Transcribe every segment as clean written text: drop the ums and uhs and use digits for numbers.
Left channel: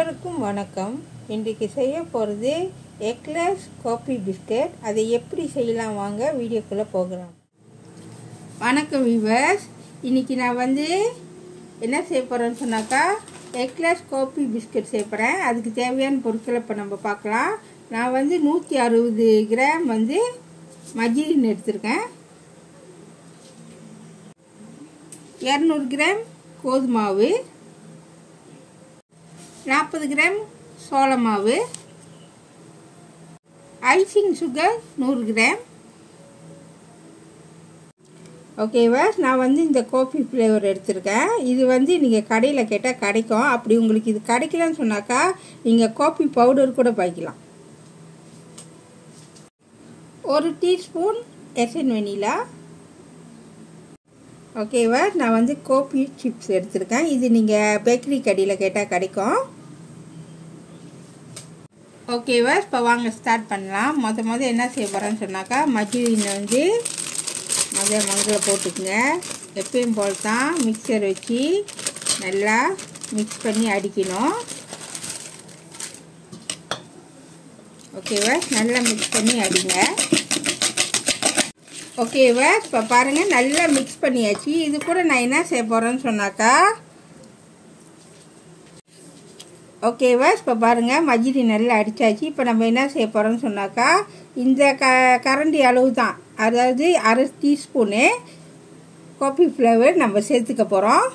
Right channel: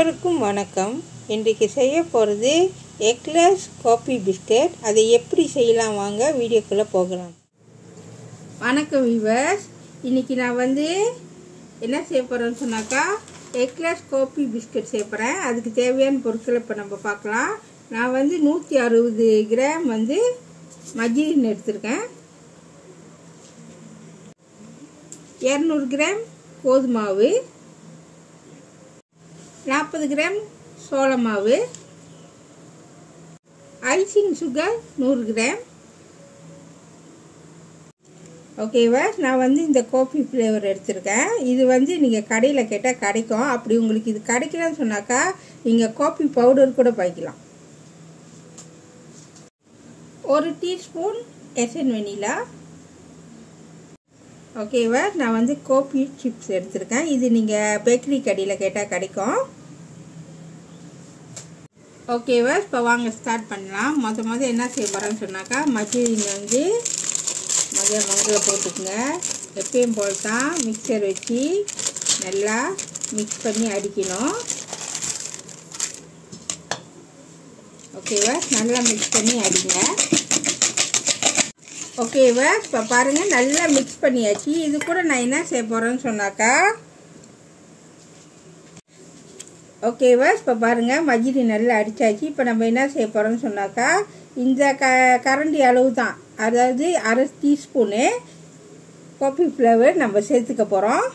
அனைவருக்கும் வணக்கம். இன்றைக்கு செய்ய போகிறது எக்லெஸ் காஃபி பிஸ்கட். அதை எப்படி செய்யலாம் வாங்க வீடியோக்குள்ளே போகலாம். வணக்கம் வியூவர்ஸ். இன்றைக்கி நான் என்ன செய்ய போகிறேன்னு சொன்னாக்கா எக்லெஸ் காஃபி பிஸ்கட் செய்ய போகிறேன். அதுக்கு தேவையான பொருட்களை இப்போ நம்ம பார்க்கலாம். நான் 160 கிராம் மர்கரீன் எடுத்திருக்கேன். 200 கிராம் கோதுமை மாவு, 40 கிராம் சோள மாவு, ஐசிங் சுகர் 100 கிராம். ஓகேவா, நான் இந்த காஃபி ஃப்ளேவர் எடுத்திருக்கேன். இது நீங்கள் கடையில் கேட்டால் கிடைக்கும். அப்படி உங்களுக்கு இது கிடைக்கலன்னு சொன்னாக்கா நீங்கள் காஃபி பவுடர் கூட பாய்க்கலாம். 1 டீஸ்பூன் எசன் வெனிலா. ஓகேவா, நான் காஃபி சிப்ஸ் எடுத்திருக்கேன். இது நீங்கள் பேக்கரி கடையில் கேட்டால் கிடைக்கும். ஓகேவா, இப்போ வாங்க ஸ்டார்ட் பண்ணலாம். மொதல் என்ன செய்ய போகிறேன்னு சொன்னாக்கா மர்கரீனை மங்கில் போட்டுக்குங்க. எப்பயும் போல் தான் மிக்சர் வச்சு நல்லா மிக்ஸ் பண்ணி அடிக்கணும். ஓகேவா, நல்லா மிக்ஸ் பண்ணி அடிங்க. ஓகேவா, இப்போ பாருங்கள் நல்லா மிக்ஸ் பண்ணியாச்சு. இது கூட நான் என்ன செய்ய போகிறேன்னு சொன்னாக்கா ஓகேவா, இப்போ பாருங்கள் மர்கரீன் நல்லா அடித்தாச்சு. இப்போ நம்ம என்ன செய்ய போகிறோம்னு சொன்னாக்கா இந்த கரண்டி அளவு தான், அதாவது 1/2 டீஸ்பூனு காஃபி ஃப்ளேவர் நம்ம சேர்த்துக்க போகிறோம்.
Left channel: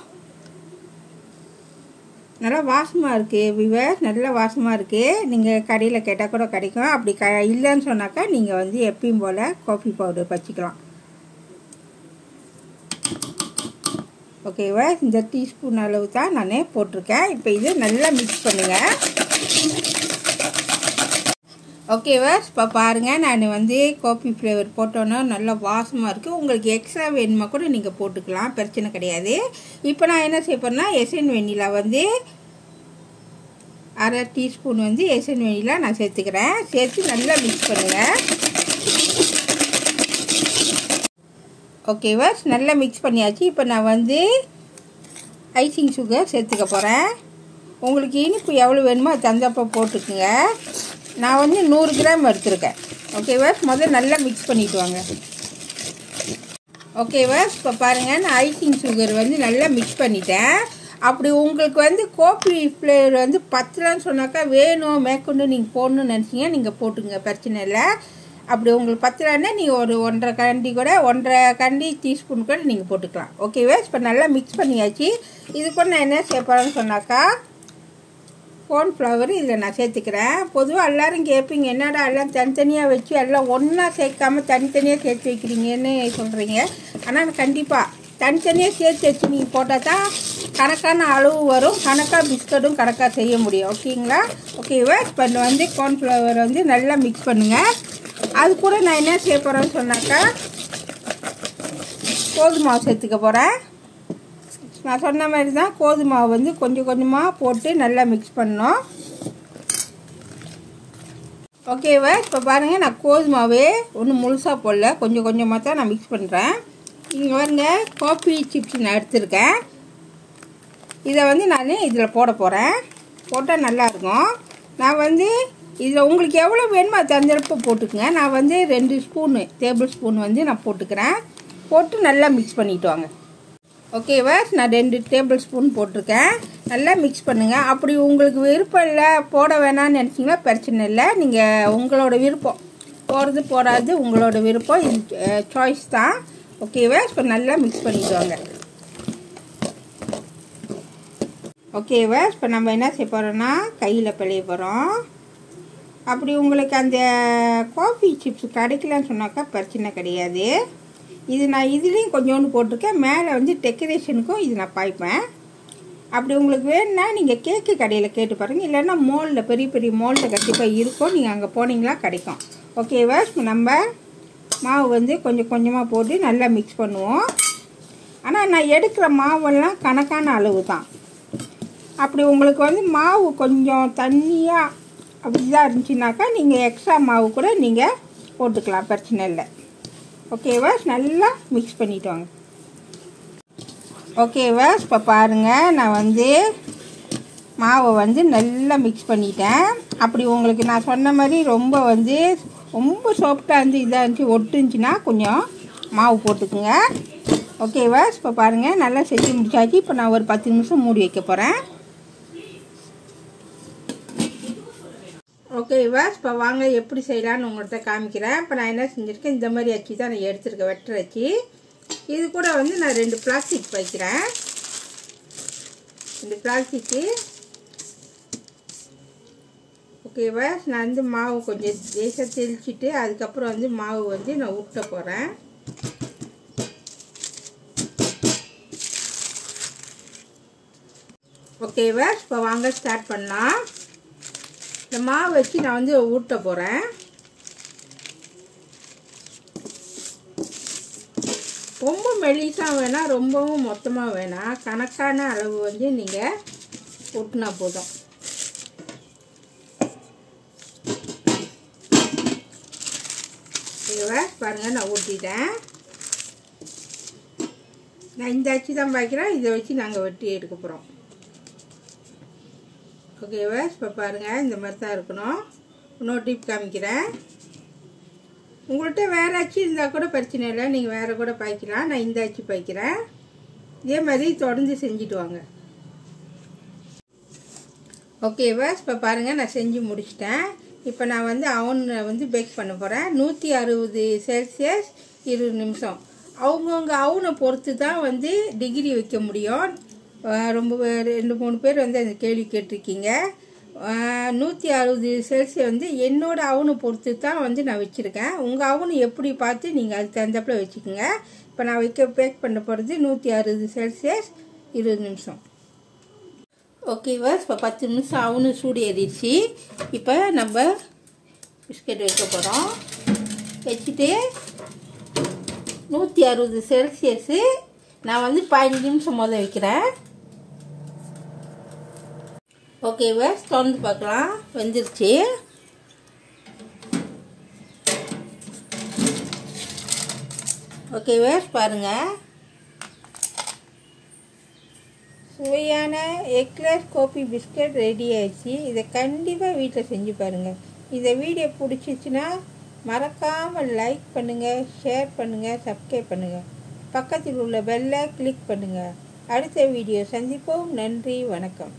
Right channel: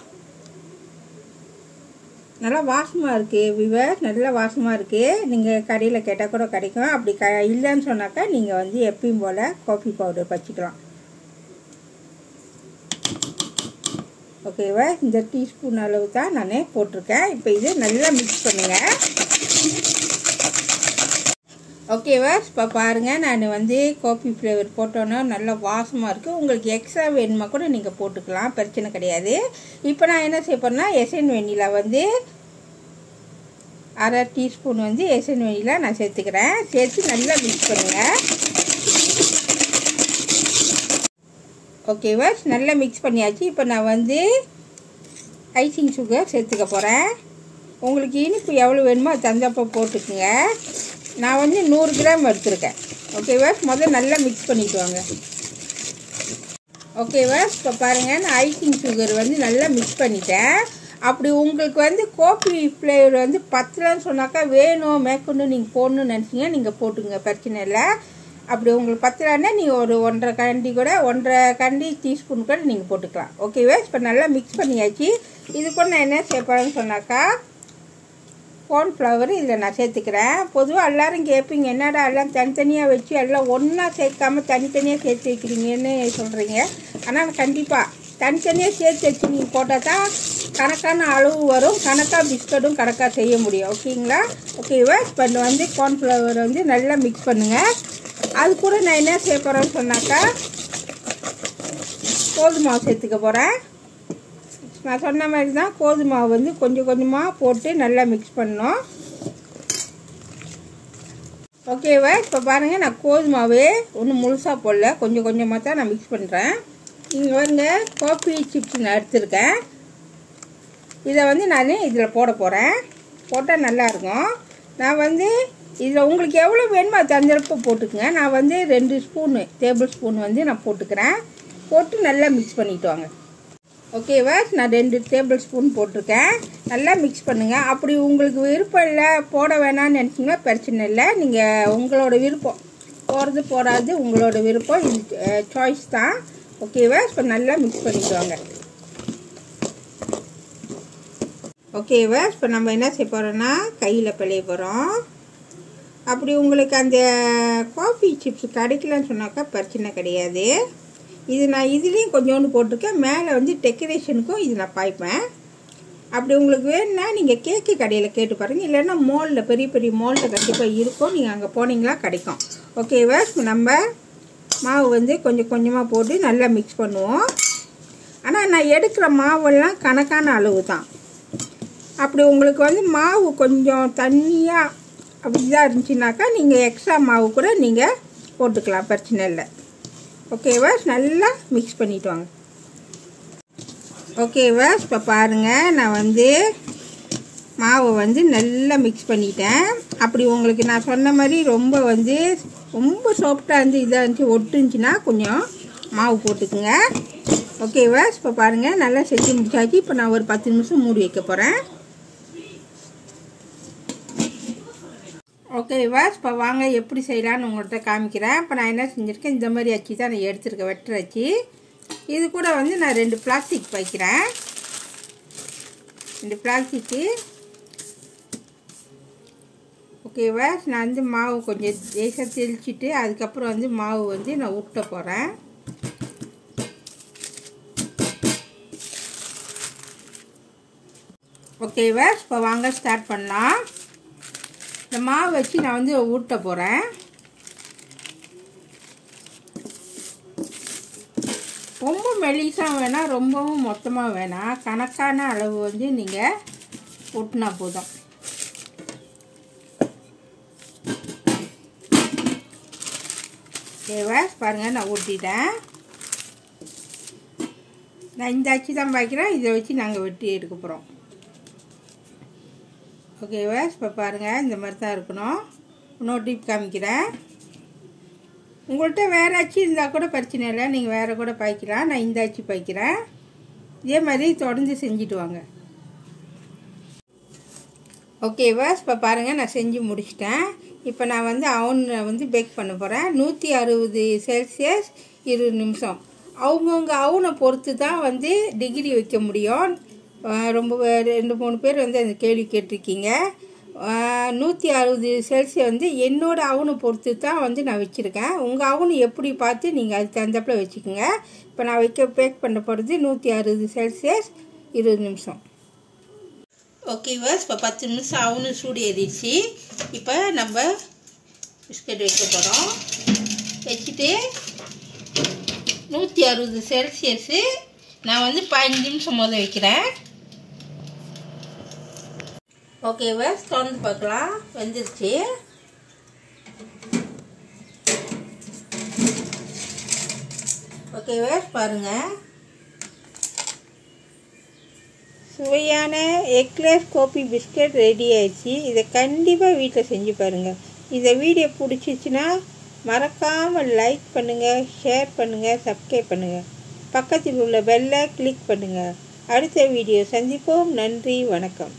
நல்லா வாசமாக இருக்குது வியூவர்ஸ், நல்லா வாசமாக இருக்குது. நீங்கள் கடையில் கேட்டால் கூட கிடைக்கும். அப்படி இல்லைன்னு சொன்னாக்கா நீங்கள் எப்பயும் போல் காஃபி பவுடர் வச்சுக்கலாம். ஓகேவா, இந்த டீஸ்பூன் அளவு தான் நான் போட்டிருக்கேன். இப்போ இது நல்லா மிக்ஸ் பண்ணுங்கள். ஓகேவா, இப்போ பாருங்கள் நான் காஃபி ஃப்ளேவர் போட்டோன்னா நல்லா வாசமாக இருக்குது. உங்களுக்கு எக்ஸ்ட்ரா வேணுமா கூட நீங்கள் போட்டுக்கலாம், பிரச்சனை கிடையாது. இப்போ நான் என்ன செய்ய போகிறேன்னா எசன் வெனிலா 1/2 டீஸ்பூன் எசன் வெனிலா நான் சேர்த்துக்கிறேன். சேர்த்து நல்லா மிக்ஸ் பண்ணுங்கள். ஓகேவா, நல்லா மிக்ஸ் பண்ணியாச்சு. இப்போ நான் ஐசிங் சுகர் சேர்த்துக்க போகிறேன். உங்களுக்கு இனிப்பு எவ்வளோ வேணுமோ அது தந்தப்போ போட்டுக்குங்க. நான் 100 கிராம் எடுத்துருக்கேன். ஓகேவா, முதல்ல நல்லா மிக்ஸ் பண்ணிட்டு வாங்க. ஓகேவா, இப்போ பாருங்கள் நான் ஐசிங் சுகர் நல்லா மிக்ஸ் பண்ணிட்டேன். அப்படி உங்களுக்கு காஃபி ஃப்ளேவர் பத்தலன்னு சொன்னாக்கா வேணும் மேற்கொண்டு நீங்கள் போடணும்னு நினச்சிங்க நீங்கள் போட்டுங்க, பிரச்சனை இல்லை. அப்படி உங்களுக்கு பத்தலைன்னா நீங்கள் ஒரு 1.5 கரண்டி டீஸ்பூன் கூட நீங்கள் போட்டுக்கலாம். ஓகேவா, இப்போ நல்லா மிக்ஸ் பண்ணியாச்சு. இது கூட நான் என்ன சேர்ப்பேன்னு சொன்னாக்கா கார்ன்ஃப்ளவர் இதில் நான் சேர்த்துக்கிறேன். பொதுவாக எல்லோரும் கேட்பீங்க, என்னடா எல்லாம் தனித்தனியாக வச்சு எல்லாம் ஒன்றா சேர்க்காமல் தனித்தனியாக சேர்த்து வைக்கிறீங்கன்னு சொல்கிறீங்க. ஆனால் கண்டிப்பாக தனித்தனியாக சேர்த்து வச்சு நீங்கள் போட்டால் தான் கணக்கான அளவு வரும், கணக்காக பிஸ்கட்டும் கணக்காக செய்ய முடியும். ஓகேங்களா, ஓகேவா, இப்போ கார்ன்ஃப்ளவர் நல்லா மிக்ஸ் பண்ணுங்கள். அது கூட நான் என்ன செய்ய போகிறேன்னு சொன்னாக்கா கோதுமை மாவு சேர்த்துக்க போகிறேன். நான் சொன்ன மாதிரி தான் கோதுமை மாவு கொஞ்சம் கொஞ்சமாக போட்டு நல்லா மிக்ஸ் பண்ணணும். ஓகேவா, இப்போ பாருங்கள் நான் கோதுமை மாவு ஒன்றும் முழுசாக போடல, கொஞ்சம் கொஞ்சமாக தான் நான் மிக்ஸ் பண்ணுறேன். இங்கே பாருங்க காஃபி சிப்ஸ் நான் எடுத்துருக்கேன். இதை நான் இதில் போட போகிறேன். போட்டால் நல்லாயிருக்கும். நான் இதில் உங்களுக்கு எவ்வளோ வேணுமோ அது தந்தளப்பு போட்டுக்குங்க. நான் 2 ஸ்பூனு டேபிள் ஸ்பூன் நான் போட்டுக்கிறேன். போட்டு நல்லா மிக்ஸ் பண்ணிட்டு வாங்க. ஓகேவா, நான் 2 டேபிள் ஸ்பூன் போட்டிருக்கேன். நல்லா மிக்ஸ் பண்ணுங்கள். அப்படி உங்களுக்கு விருப்பம் இல்லை போட வேணாம்னு நினச்சிங்கன்னா பிரச்சனை இல்லை. நீங்கள் உங்களோட விருப்பம், போடுறது போடாது உங்களோட விருப்பம், இது சாய்ஸ் தான். ஓகேவா, இப்போ நல்லா மிக்ஸ் பண்ணிட்டு வாங்க. ஓகேவா, இப்போ நம்ம என்ன செய்ய போகிறோன்னா கையில் பிழைய போகிறோம். அப்படி உங்களுக்கு அந்த காஃபி சிப்ஸ் கிடைக்கலன்னு சொன்னாக்கா பிரச்சனை கிடையாது. இது நான் இதுலேயும் கொஞ்சோண்டு போட்டிருக்கேன். மேலே டெக்கரேஷனுக்கும் இது நான் பாய்ப்பேன். அப்படி உங்களுக்கு வேணும்னா நீங்கள் கேக்கு கடையில் கேட்டு பாருங்கள். இல்லைன்னா மோலில் பெரிய பெரிய மோலில் கண்டிப்பாக இருக்கும், நீங்கள் அங்கே போனீங்களா கிடைக்கும். ஓகேவா, நம்ம மாவு கொஞ்சம் கொஞ்சமாக போட்டு நல்லா மிக்ஸ் பண்ணுவோம். ஆனால் நான் எடுக்கிற மாவெல்லாம் கணக்கான அளவு தான். அப்படி உங்களுக்கு மாவு கொஞ்சம் தண்ணியாக அப்படி தான் இருந்துச்சுனாக்கா நீங்கள் எக்ஸ்ட்ரா மாவு கூட நீங்கள் போட்டுக்கலாம், பிரச்சனை இல்லை. ஓகேவா, நல்லா மிக்ஸ் பண்ணிட்டு வாங்க. ஓகேவா, இப்போ பாருங்கள் நான் மாவை வந்து நல்லா மிக்ஸ் பண்ணிட்டேன். அப்படி உங்களுக்கு நான் சொன்ன மாதிரி ரொம்ப சாஃப்டாக இருந்து இதாக இருந்துச்சு ஒட்டுச்சுன்னா கொஞ்சம் மாவு போட்டுக்குங்க. ஓகேவா? இப்போ பாருங்கள் நல்லா செஞ்சு முடிச்சாச்சு. இப்போ நான் ஒரு 10 நிமிஷம் மூடி வைக்க போகிறேன். ஓகேவா? இப்போ வாங்க எப்படி செய்யலான்னு உங்கள்கிட்ட காமிக்கிறேன். இப்போ நான் என்ன செஞ்சுருக்கேன், இந்த மாதிரி அச்சு தான் நான் எடுத்துருக்கேன், வெட்டுற அச்சு. இது கூட நான் 2 பிளாஸ்டிக் வைக்கிறேன். 2 பிளாஸ்டிக்கு. ஓகேவா? நான் மாவு கொஞ்சம் லேசாக தெளிச்சுட்டு அதுக்கப்புறம் மாவு நான் ஊட்ட போகிறேன். ஓகேவா? இப்போ வாங்க ஸ்டார்ட் பண்ணலாம். இந்த மாவு வச்சு நான் ஊட்ட போகிறேன். ரொம்ப மெலிசாக வேணாம், ரொம்பவும் மொத்தமாக வேணாம். கணக்கான அளவு நீங்கள் ஊட்டினா போதும். ஓகேவா? பாருங்கள் நான் ஊட்டிட்டேன். நான் இந்த அச்சு தான் வைக்கிறேன். இதை வச்சு நாங்கள் வெட்டி எடுக்க போகிறோம். ஓகேவா? இப்போ பாருங்கள் இந்த மாதிரி தான் இருக்கணும். இன்னொரு டிப் காமிக்கிறேன். உங்கள்கிட்ட வேறு அச்சு இருந்தால் கூட பிரச்சனை இல்லை, நீங்கள் வேறு கூட பாய்க்கலாம். நான் இந்த அச்சு பாய்க்கிறேன். இதே மாதிரி தொடர்ந்து செஞ்சுட்டு வாங்க. ஓகேவா? இப்போ பாருங்கள் நான் செஞ்சு முடிச்சிட்டேன். இப்போ நான் அவனில் பேக் பண்ண போகிறேன். 160 செல்சியஸ் 20 நிமிஷம். அவங்கவுங்க அவனை பொறுத்து தான் டிகிரி வைக்க முடியும். ரொம்ப 2-3 பேர் அந்த கேள்வி கேட்டிருக்கீங்க. 160 செல்சியஸ் என்னோட அவனை பொறுத்து தான் நான் வச்சுருக்கேன். உங்கள் அவனு எப்படி பார்த்து நீங்கள் அதுக்கு தகுந்தாப்பில் வச்சுக்கோங்க. இப்போ நான் பேக் பண்ண போகிறது 160 செல்சியஸ் 20 நிமிஷம். ஓகேவா? இப்போ 10 நிமிஷம் அவனு சூடு ஏறிடுச்சு. இப்போ நம்ம பிஸ்கட் வைக்க போகிறோம். வச்சுட்டு 160 செல்சியஸு நான் 15 நிமிஷம் வைக்கிறேன். ஓகேவா? திறந்து பார்க்கலாம். வெந்துருச்சு. ஓகேவா? பாருங்கள் சுவையான எக்லெஸ் காஃபி பிஸ்கட் ரெடி ஆயிடுச்சு. இதை கண்டிப்பாக வீட்டில் செஞ்சு பாருங்கள். இந்த வீடியோ பிடிச்சிச்சின்னா மறக்காமல் லைக் பண்ணுங்கள், ஷேர் பண்ணுங்கள், சப்ஸ்கிரைப் பண்ணுங்கள். பக்கத்தில் உள்ள பெல்லை கிளிக் பண்ணுங்கள். அடுத்த வீடியோ சந்திப்போம். நன்றி, வணக்கம்.